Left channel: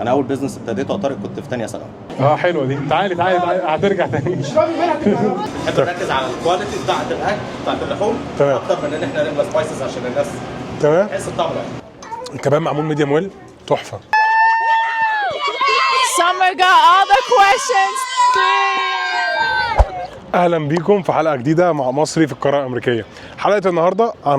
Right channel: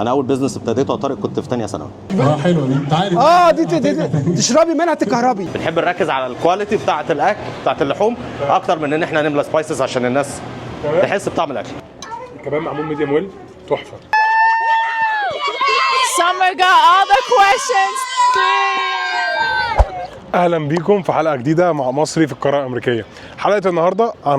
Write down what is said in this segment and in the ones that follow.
انا اول بيزنس ابتديته يا طارق كنت في ثانيه ثانوي. حلوه دي، تعالي دي تشربي منها تتكهربي. بنحب نركز على الكواليتي بتاعه الاكل بتاعه اللحوم اكتر من ان احنا نملى سبايسز عشان الناس تحس بطعم الاكل. الكباب معمول ميديم ويل تحفه. Summer got all the questions. اهلا بيكم في حلقه جديده مع مصري في القاره الامريكيه. حلقه النهارده عن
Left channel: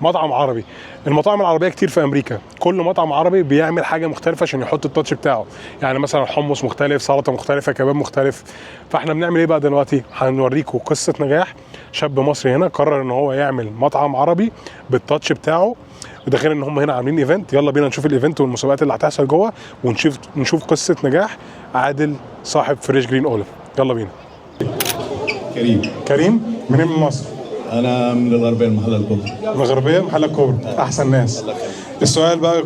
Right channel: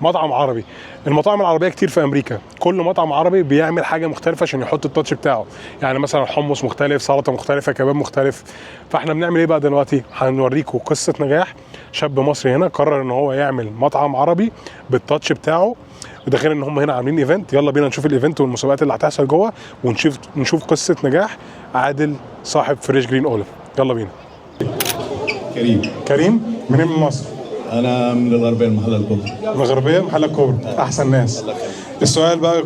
مطعم عربي. المطاعم العربيه كتير في امريكا، كل مطعم عربي بيعمل حاجه مختلفه عشان يحط التاتش بتاعه. يعني مثلا حمص مختلف، سلطه مختلفه، كباب مختلف. فاحنا بنعمل ايه بقى دلوقتي؟ هنوريكم قصه نجاح شاب مصري هنا قرر ان هو يعمل مطعم عربي بالتاتش بتاعه. وده غير ان هم هنا عاملين ايفنت. يلا بينا نشوف الايفنت والمسابقات اللي هتحصل جوه، ونشوف قصه نجاح عادل صاحب فريش جرين اوليف. يلا بينا. كريم منين من مصر؟ أنا من الغربية المحلة الكبرى. الغربية محل الكبرى، أحسن ناس. السؤال بقى،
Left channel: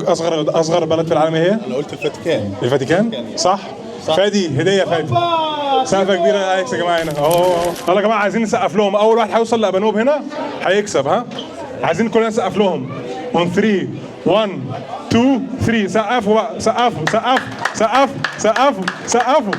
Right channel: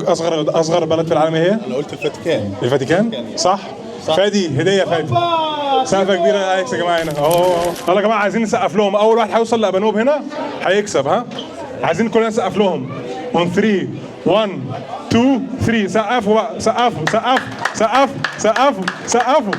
أصغر بلد في العالم هي؟ أنا قلت الفاتيكان. الفاتيكان؟ صح؟ فادي هدية فادي. سقفة كبيرة لأليكس يا جماعة هنا. يلا يا جماعة عايزين نسقف لهم، أول واحد هيوصل لأبانوب هنا هيكسب. ها؟ عايزين كلنا نسقف لهم. 1 3 1 2 3 سقفوا بقى، سقفوا.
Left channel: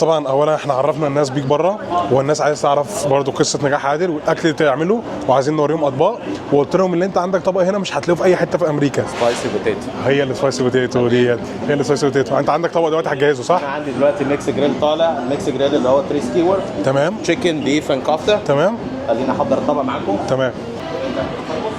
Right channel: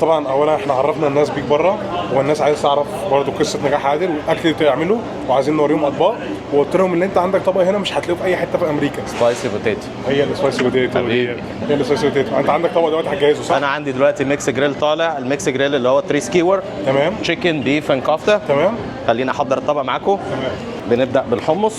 طبعا اولا احنا عرفنا الناس بيك بره، والناس عايزه تعرف برضه قصه نجاح عادل والاكل اللي بتعمله، وعايزين نوريهم اطباق. وقلت لهم ان انت عندك طبق هنا مش هتلاقيه في اي حته في امريكا. سبايسي بوتيتو. هي السبايسي بوتيتو ديت، هي السبايسي بوتيتو. انت عندك طبق دلوقتي هتجهزه صح؟ انا عندي دلوقتي ميكس جريل طالع، الميكس جريل اللي هو 3 سكيور. تمام. تشيكن بيف اند كفته. تمام. خلينا احضر الطبق معاكم. تمام. بنبدا بالحمص.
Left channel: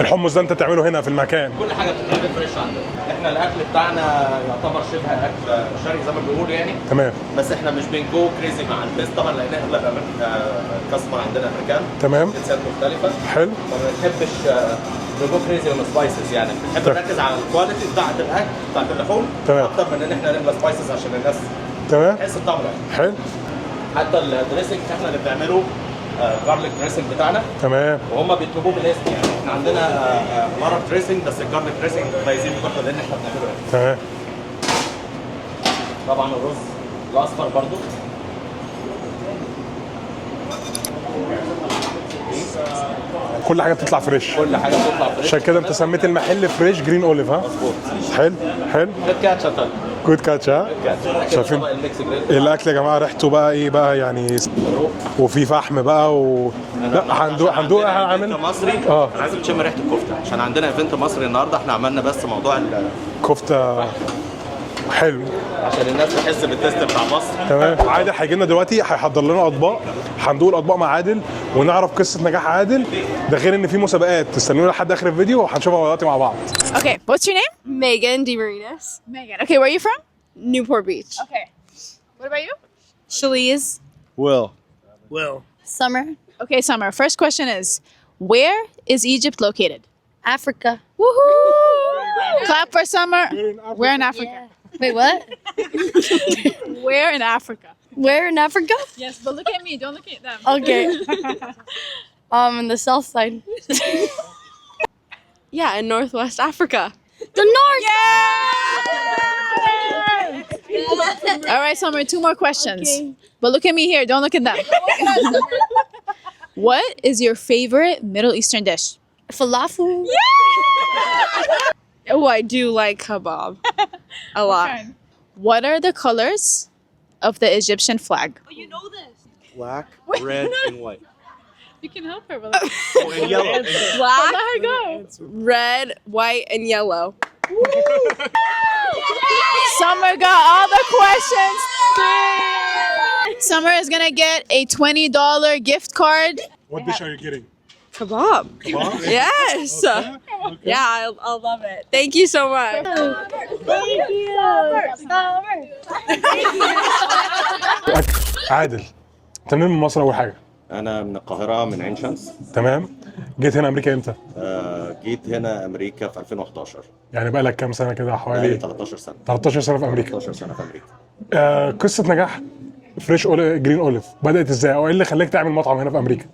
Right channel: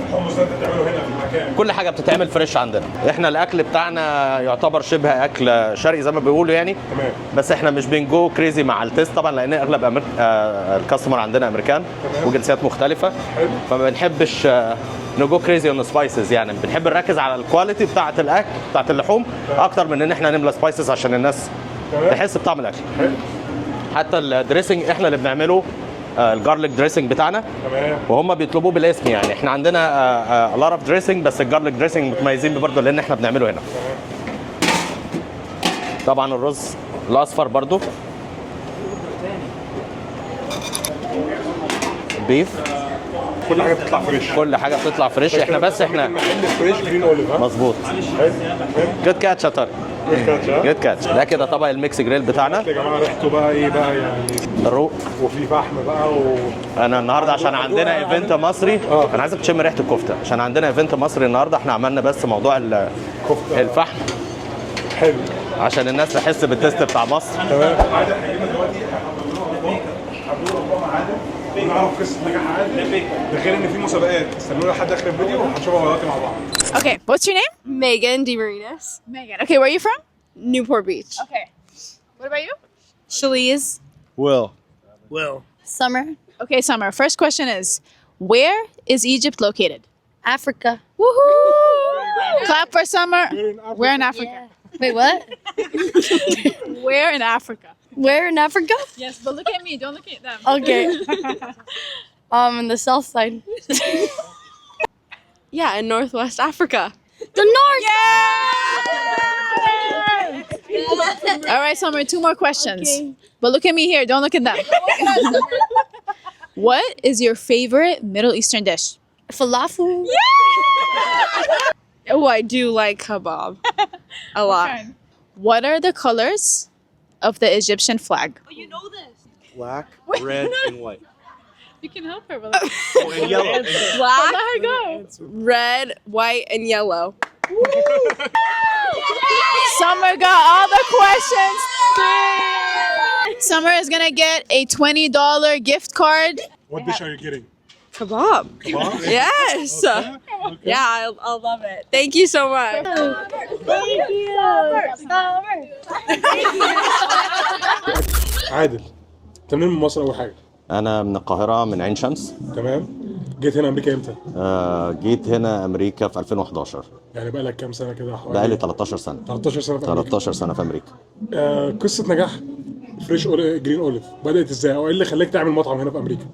الحمص ده انت بتعمله هنا في المكان؟ كل حاجه بتتعمل فريش عندنا. احنا الاكل بتاعنا يعتبر شبه اكل شرقي زي ما بيقولوا يعني. تمام. بس احنا مش بنجو كريزي مع التيست طبعا، لان اغلب الكاستمر عندنا امريكان. تمام. وجنسيات مختلفه. حلو. فما بنحبش نجو كريزي اون سبايسز، يعني بنحب نركز على الكواليتي بتاعه الاكل بتاعه اللحوم اكتر من ان احنا نملى سبايسز عشان الناس تحس بطعم الاكل. حلو. حتى الدريسنج احنا اللي بنعمله، الجارليك دريسنج بتاعنا. تمام. وهم بيطلبوه بالاسم، يعني احنا عندنا لارا دريسنج، بس الجارليك دريسنج متميزين برضه لان احنا بنعمله هنا. تمام. طبعا الرز الاصفر برضه. بيف. كل حاجه بتطلع فريش. كل حاجه بتطلع فريش. عشان كده انت سميت المحل فريش جرين اوليف. ها مظبوط. حلو. جود كاتش يا طارق. جود كاتش. ها جود كاتش. ده كده طبق الميكس جريل بتاعنا. الاكل يا جماعه ريحته بقى ايه بقى يعني؟ الروب. وفي فحم بقى انا النهارده عشان عندنا ايفنت مصري، انا عايزك تشم ريحه الكفته عشان عندنا ايفنت مصري النهارده. احنا عملنا بس موضوع الكفته الفحم. حلو. عشان الناس تحس بالتست بتاع مصر. تمام. عادل هيجي لنا دلوقتي هيحضر لنا اطباق، هندور اطباق مع عادل ونعرف قصه نجاح عادل. ده غير ان في مسابقات، تستنونا لحد اخر الفيديو وهنشوفها دلوقتي مع بعض. Okay, what's your name? Megan DeMarinis. Megan. Okay, where are you from? Newport Beach. Okay. What about you? Shaliz. Will. Summer. Okay, Summer. First question is, where is Egypt located? Africa. Woohoo! Clap for Summer. Where in Africa? Wait, what? Where in Africa? Where in Africa? Yes, but look at me. Don't look at them. Okay. In the south side. Yeah, in Northwest Africa. The north. Yeah! All right, Summer. 2 more questions. Okay. But look at me here. Don't look at them. What is your favorite Middle Eastern dish? Falafel. Oh, I do like kebab. A lot. What are the colors of the Egyptian flag? Oh, you know this. Black, red, and white. You can help her with Oh, and yellow. Black, Let her go. red, white, and yellow. Summer got all the questions. Summer is gonna get a $20 gift card. What dish are you getting? Kebab. Kebab? Yes. Okay. Yeah, I'll love it. Thank you so much. عادل، انت منين من مصر اول حاجه؟ انا من القاهره، من عين شمس. تمام. جيت هنا امريكا امتى؟ جيت هنا امريكا في 2011. يعني بقى لك كام سنه كده حوالي؟ بقالي 13 سنه. 13 سنه في امريكا. 13 سنه في امريكا. قصه نجاح فريش جرين اوليف بدات ازاي، او ايه اللي خلاك تعمل مطعم هنا في امريكا؟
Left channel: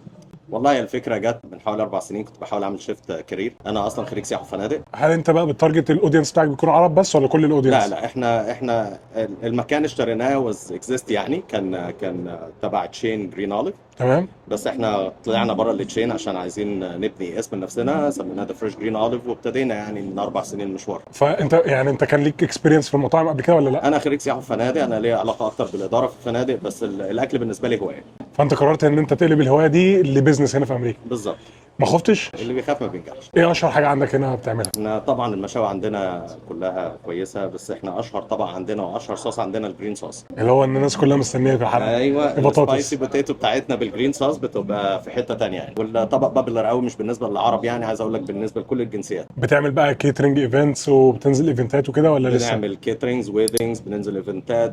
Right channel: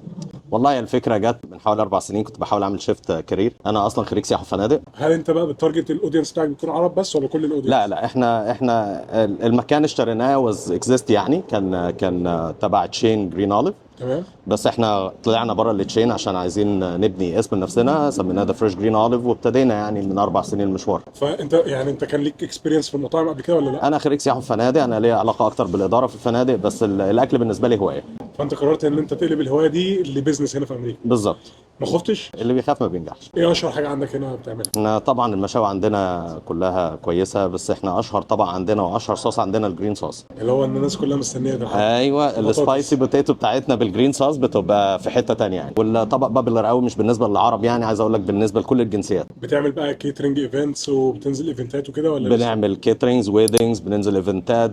والله الفكره جت من حوالي 4 سنين، كنت بحاول اعمل شيفت كارير. انا اصلا خريج سياحه وفنادق. هل انت بقى بتارجت الاودينس بتاعك بيكون عرب بس ولا كل الاودينس؟ لا احنا المكان اشتريناه واز اكزيست، يعني كان تبع تشين جرين اوليف. تمام. بس احنا طلعنا بره التشين عشان عايزين نبني اسم لنفسنا، سميناه ذا فريش جرين اوليف، وابتدينا يعني من 4 سنين المشوار. فانت يعني انت كان ليك اكسبيرينس في المطاعم قبل كده ولا لا؟ انا خريج سياحه وفنادق، انا ليا علاقه اكتر بالاداره في الفنادق، بس الاكل بالنسبه لي هوايه. فانت قررت ان انت تقلب الهوايه دي لبزنس هنا في امريكا. بالظبط. ما خفتش؟ اللي بيخاف ما بينجحش. ايه اشهر حاجه عندك هنا بتعملها؟ احنا طبعا المشاوي عندنا كلها كويسه، بس احنا اشهر طبعا عندنا واشهر صوص عندنا الجرين صوص. اللي هو ان الناس كلها مستنيه في الحلقه. ايوه، البطاطس. السبايسي بوتيتو بتاعتنا بالجرين صوص بتبقى في حته تانية يعني. والطبق بابلر قوي، مش بالنسبه للعرب يعني، عايز اقول لك بالنسبه لكل الجنسيات. بتعمل بقى كيترنج ايفنتس وبتنزل ايفنتات وكده ولا لسه؟ بنعمل كيترينجز، ويدنجز، بننزل ايفنتات،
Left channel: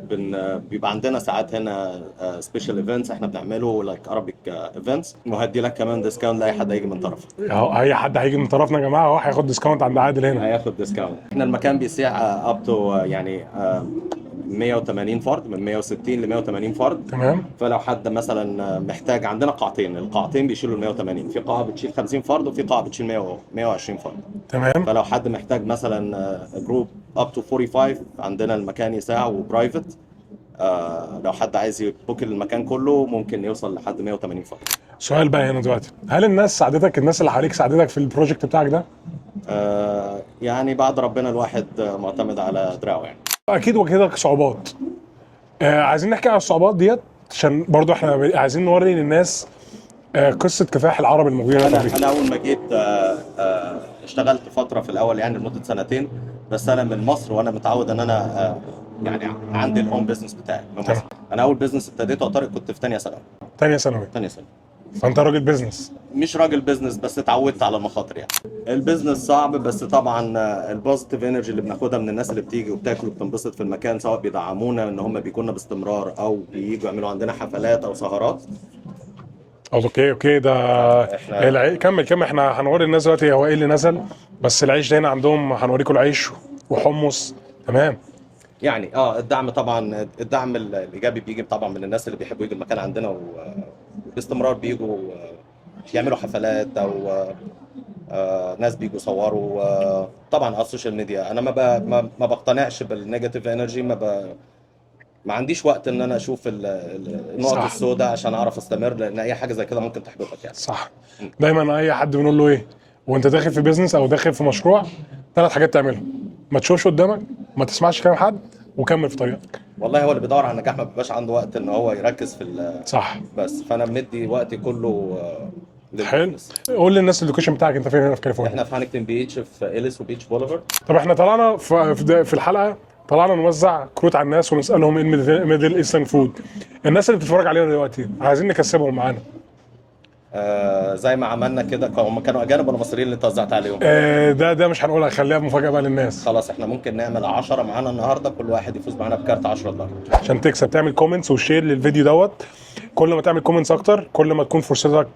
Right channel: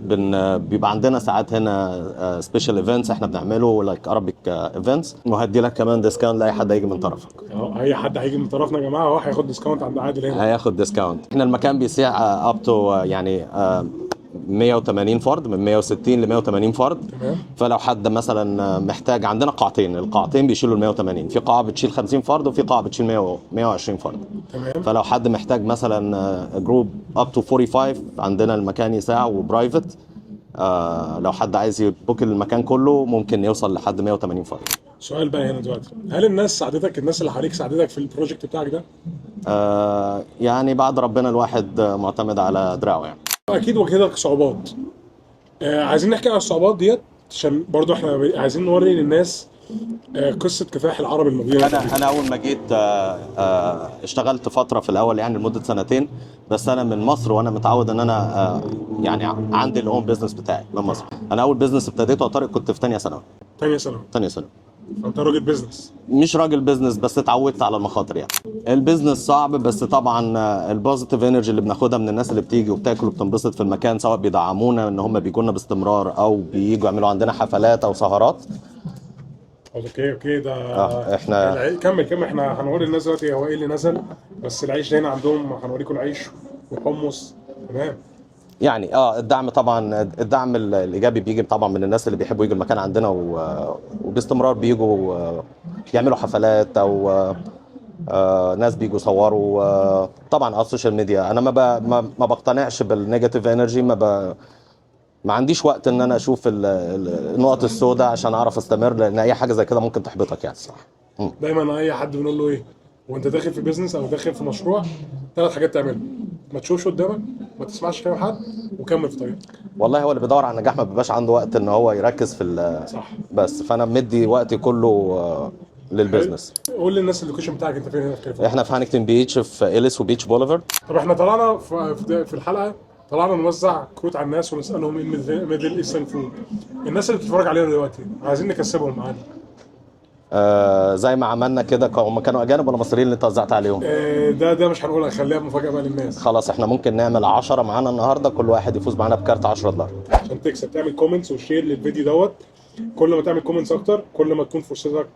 بيبقى عندنا ساعات هنا سبيشال ايفنتس احنا بنعمله لايك ارابيك ايفنتس، وهدي لك كمان ديسكاونت لاي حد هيجي من طرفك. اهو اي حد هيجي من طرفنا يا جماعه اهو هياخد ديسكاونت عند عادل هنا. هياخد ديسكاونت. احنا المكان بيسيع اب تو يعني 180 فرد، من 160 ل 180 فرد. تمام. فلو حد مثلا محتاج، عندنا قاعتين، القاعتين بيشيلوا ال 180، في قاعه بتشيل 50 فرد وفي قاعه بتشيل 120 فرد. تمام. فلو حد محتاج مثلا جروب اب تو 45، عندنا المكان يساع وبرايفت. لو حد عايز يبوك المكان كله ممكن يوصل لحد 180 فرد. سؤال بقى هنا دلوقتي، هل الناس ساعدتك، الناس اللي حواليك ساعدتك في البروجكت بتاعك ده؟ يعني بعد ربنا الواحد معتمد على دراعه يعني. اكيد واجهتك صعوبات. عايزين نحكي عن الصعوبات ديت عشان برضو احنا عايزين نوري للناس قصه كفاح العرب الموجودين هنا في أمريكا. انا اول ما جيت اشتغلت فتره في الاول يعني لمده سنتين، بس انا من مصر وانا متعود ان انا يعني عندي الاون بيزنس بتاعي من مصر. انا اول بيزنس ابتديته طارق كنت في ثانيه ثانوي. تانية ثانوي. ثانيه ثانوي. فانت راجل بيزنس. مش راجل بيزنس، بس اتعودت على المخاطر يعني. البيزنس صعب، بس طبعا البوزيتيف انرجي اللي بناخدها من الناس اللي بتيجي وبتاكل وبتنبسط في المكان، سواء بيدعمونا ان هم بيجوا لنا باستمرار او بييجوا يعملوا عندنا حفلات او سهرات. اوكي ده احنا كمل احنا هنوري الناس دلوقتي هو ايه اللي نزل، بس العيش ده هنا عندهم هنوريكم العيش وحمص. تمام. يعني الدعم طبعا، الدعم الايجابي بيجي طبعا من الناس اللي بيحبوا يجوا المكان عندنا وباستمرار بيجوا يعملوا حفلات، او ناس بيجوا يصوروا. طبعا على السوشيال ميديا انا ما بقتنعش بالنيجاتيف انرجي، ما عنديش وقت ان انا اشوف النقط السوداء عشان اعرف استمر، لان اي حاجه زي كده ممكن تحبطك يعني. صح. دايما اي حد بنقول له ايه وانت داخل في بيزنس او داخل في مشروع، 3 حاجات تعملهم: ما تشوفش قدامك، ما تسمعش كلام حد، وكمل في طريقك. والله هو اللي بيدور على النجاح ما بيبقاش عنده وقت ان هو يركز في صح. بس فانا مدي وقتي كله للبيزنس. قول للناس اللوكيشن بتاعك انت فين هنا في كاليفورنيا؟ احنا في هانكتون بيتش، في إليس وبيتش بوليفارد. طب احنا طلعنا في الحلقه طلعنا نوزع كروت على الناس ونسالهم ايه الميدل ايسترن فود. الناس اللي بتتفرج علينا دلوقتي عايزين نكسبهم معانا. زي ما عملنا كده، هم كانوا اجانب ولا مصريين اللي انت وزعت عليهم؟ ده مش هنقولها، خليها مفاجاه بقى للناس. خلاص احنا ممكن نعمل 10 معانا النهارده، كل واحد يفوز معانا بكارت $10. عشان تكسب تعمل كومنتس وشير للفيديو دوت. كل ما تعمل كومنتس اكتر كل ما تكون فرصتك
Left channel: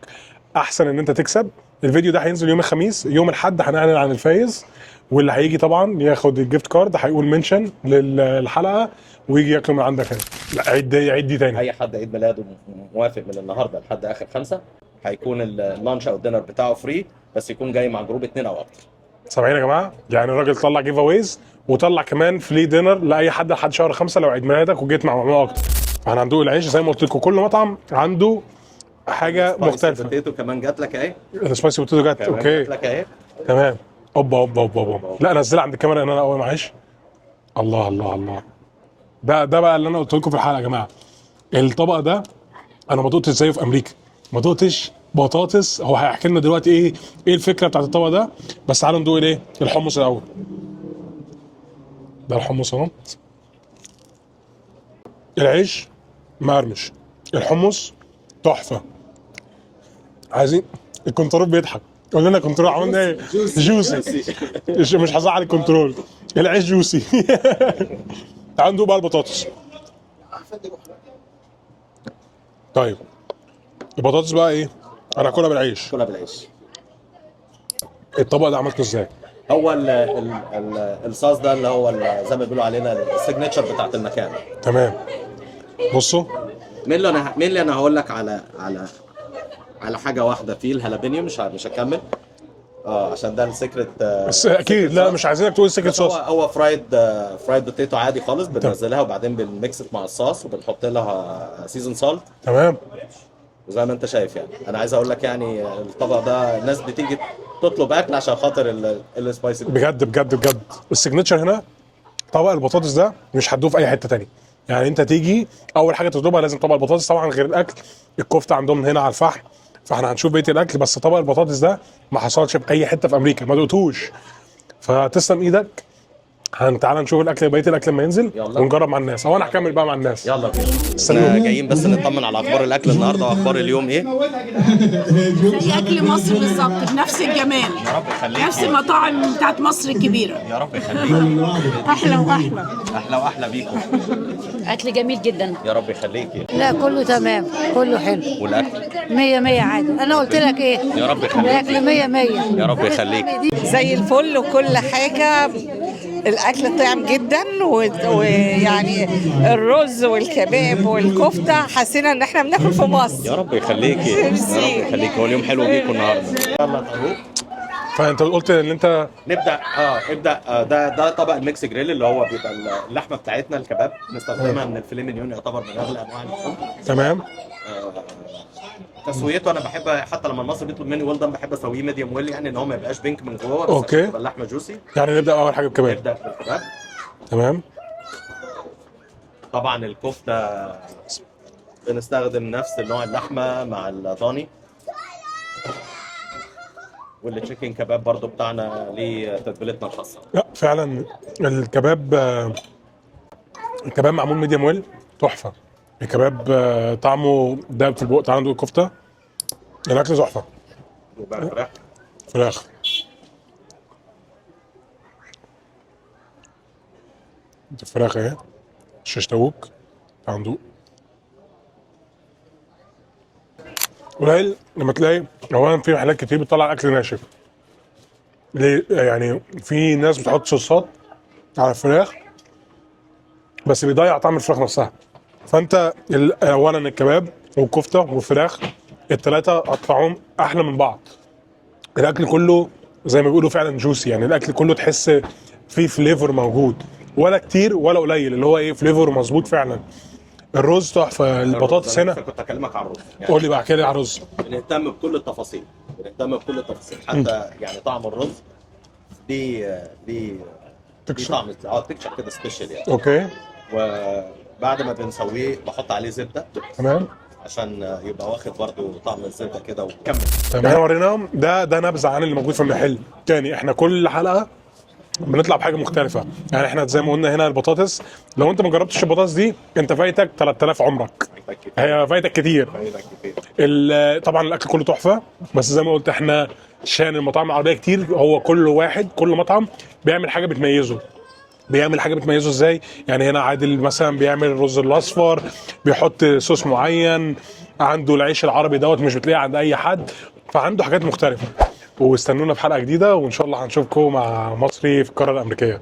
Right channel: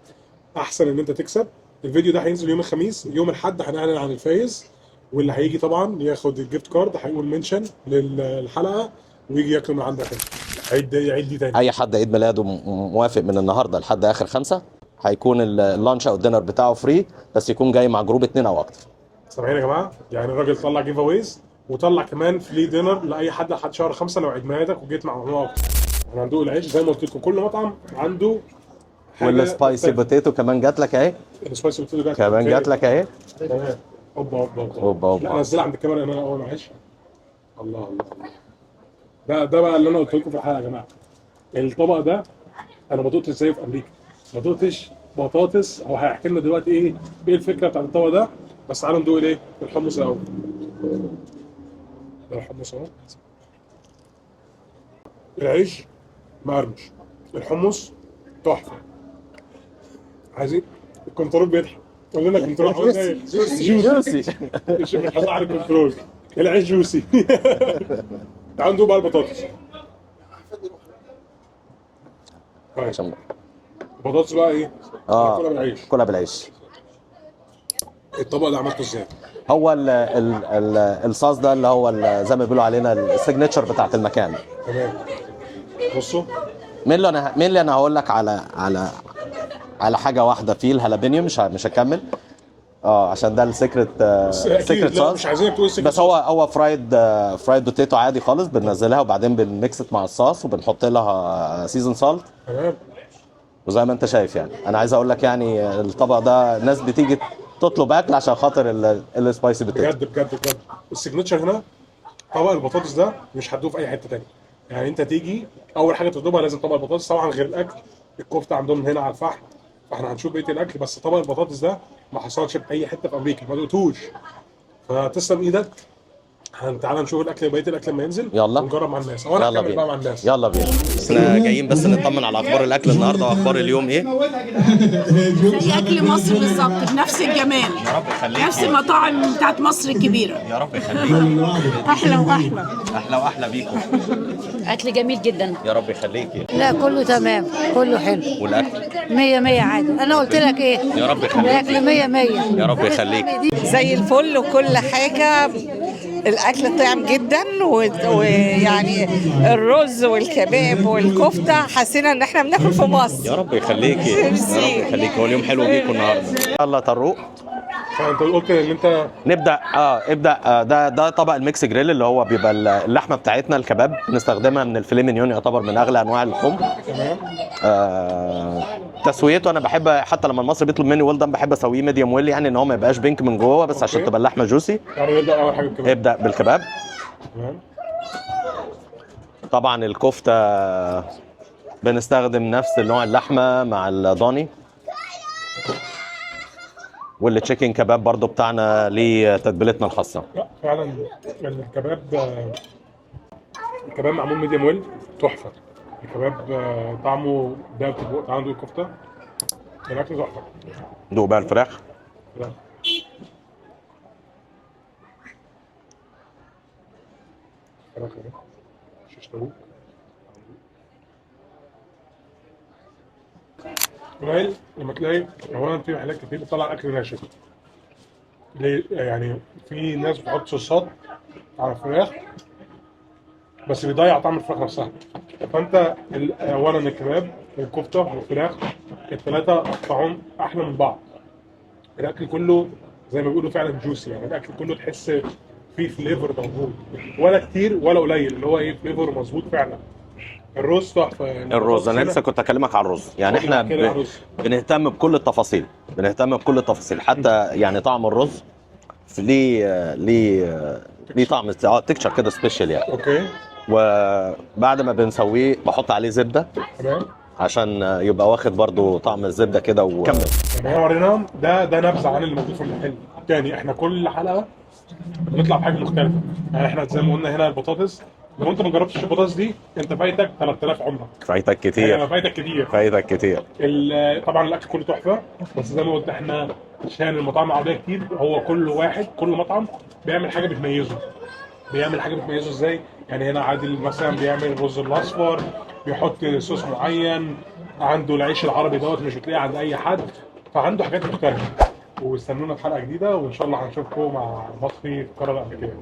احسن ان انت تكسب. الفيديو ده هينزل يوم الخميس، يوم الاحد هنعلن عن الفايز، واللي هيجي طبعا ياخد الجيفت كارد هيقول منشن للحلقه ويجي ياكل من عندك هنا. لا عيد دي تاني. اي حد عيد ميلاده موافق من النهارده لحد اخر 5 هيكون اللانش او الدينر بتاعه فري، بس يكون جاي مع جروب 2 او اكتر. سامعين يا جماعه؟ يعني الراجل طلع جيف اويز وطلع كمان فري دينر لاي حد لحد شهر 5 لو عيد ميلادك وجيت مع مجموعه اكتر. احنا هندوق العيش زي ما قلت لكم، كل مطعم عنده حاجه سبايسي مختلفه. بوتيتو كمان جات لك اهي. السبايسي بوتيتو جت كمان جات لك اهي. تمام. اوبا. لا نزلها عند الكاميرا ان انا اول معلش. الله. ده بقى اللي انا قلت لكم في الحلقه يا جماعه. الطبق ده انا ما دقتش زيه في امريكا، ما دقتش بطاطس. هو هيحكي لنا دلوقتي ايه الفكره بتاعت الطبق ده، بس تعالوا ندوق الايه الحمص الاول. ده الحمص اهو. العيش مقرمش، الحمص تحفه. عايزين الكنترول بيضحك، قول لنا الكنترول عملنا ايه؟ جوسي. مش هزعل الكنترول. العيش جوسي. تعالوا ندوق بقى البطاطس. طيب البطاطس بقى ايه؟ انا اكلها بالعيش. كلها بالعيش. الطبق ده عملته ازاي؟ هو الصوص ده اللي هو زي ما بيقولوا علينا السيجنتشر بتاعت المكان. تمام. بصوا مين اللي انا هقول لك على على حاجه واحده فيه الهالابينيو، مش هكمل عشان ده السيكريت. بس اكيد لا مش عايزينك تقول سيكريت بس هو صوص. هو فرايد بوتيتو عادي خالص، بننزلها وبعدين بنميكست مع الصوص وبنحط لها سيزون سالت. تمام. وزي ما انت شايف يعني انا عايز اقول لك يعني الطبق ده الناس بتيجي تطلب اكل عشان خاطر السبايسي بجد بجد بجد السيجنتشر هنا طبق البطاطس ده مش هتدوه في اي حته تانية. يعني انت تيجي اول حاجه تطلبها لازم طبق البطاطس، طبعا غير الاكل الكفته عندهم هنا على الفحم، فاحنا هنشوف بقيه الاكل، بس طبق البطاطس ده ما حصلش في اي حته في امريكا، ما دقتوش. فتسلم ايدك. تعالى نشوف الاكل بقيه الاكل لما ينزل يلا. ونجرب مع الناس، او انا يلا هكمل بينا. بقى مع الناس. يلا بينا. احنا جايين بس نطمن على اخبار الاكل النهارده واخبار اليوم ايه. زي اكل مصر بالظبط بنفس الجمال، يا رب يخليك. نفس المطاعم بتاعت مصر الكبيره. يا رب يخليك. احلى واحلى. احلى واحلى بيكم. اكل جميل جدا. يا رب يخليكي. لا كله تمام، كله حلو. والاكل 100 100 عادي. انا قلت لك ايه؟ يا رب يخليك. الاكل 100 100. يا رب يخليك. زي الفل وكل حاجة. الأكل طعم جدا ويعني الرز والكباب والكفتة حسينا إن إحنا بناكل في مصر. يا رب يخليكي. يا رب يخليكي. هو اليوم حلو بيكم النهارده. يلا طروق. فانت قلت ان انت نبدا ابدا. ده طبق الميكس جريل اللي هو بيبقى اللحمه بتاعتنا الكباب بنستخدمها من الفيليه مينيون، يعتبر من اغلى انواع اللحوم. تمام. تسويته انا بحب، حتى لما المصري بيطلب مني ويل دان بحب اسويه ميديوم ويل، يعني ان هو ما يبقاش بينك من جوه، بس أوكي. عشان تبقى اللحمه جوسي. يعني نبدا اول حاجه بالكباب. نبدا بالكباب. تمام. طبعا الكفته بنستخدم نفس نوع اللحمه مع الضاني، والتشيكن كباب برضو بتاعنا ليه تتبيلتنا الخاصه. لا فعلا الكباب معمول ميديوم ويل تحفه. الكباب طعمه داب في البق. تعالى ندوق الكفته. الاكل تحفه. دوق بقى الفراخ. فراخ. الفراخ اهي شيش طاووق. تعالى ندوق. قليل لما تلاقي اولا في محلات كتير بتطلع اكل ناشف. ليه؟ يعني في ناس بتحط صوصات على الفراخ بس بيضيع طعم الفراخ نفسها. فانت اولا الكباب والكفته والفراخ الثلاثه قطعهم احلى من بعض. الاكل كله زي ما بيقولوا فعلا جوسي، يعني الاكل كله تحس فيه فليفر موجود، ولا كتير ولا قليل، اللي هو ايه فليفر مظبوط فعلا. الرز تحفه. البطاطس انا هنا لسه كنت اكلمك على الرز. يعني قول لي احنا بقى كده على الرز. بنهتم بكل التفاصيل، بنهتم بكل التفاصيل، حتى يعني طعم الرز ليه طعم تكتشر كده سبيشال يعني. اوكي. وبعد ما بنسويه بحط عليه زبده تمام. عشان يبقى واخد برضو طعم الزبده كده وكمل. احنا وريناهم ده نبذه عن اللي موجود في المحل. تاني احنا كل حلقه بنطلع بحاجه مختلفه. يعني احنا زي ما قلنا هنا البطاطس، لو انت ما جربتش البطاطس دي انت فايتك 3000 عمرك. فايتك كتير. هي فايتك كتير. فايتك كتير. طبعا الاكل كله تحفه، بس زي ما قلت احنا عشان المطاعم العربيه كتير، هو كل مطعم بيعمل حاجه بتميزه. بيعمل حاجه بتميزه ازاي؟ يعني هنا عادل مثلا بيعمل الرز الاصفر، بيحط صوص معين، عنده العيش العربي دوت مش بتلاقيه عند اي حد، فعنده حاجات مختلفه. واستنونا في حلقه جديده، وان شاء الله هنشوفكم مع مصري في القاره الامريكيه.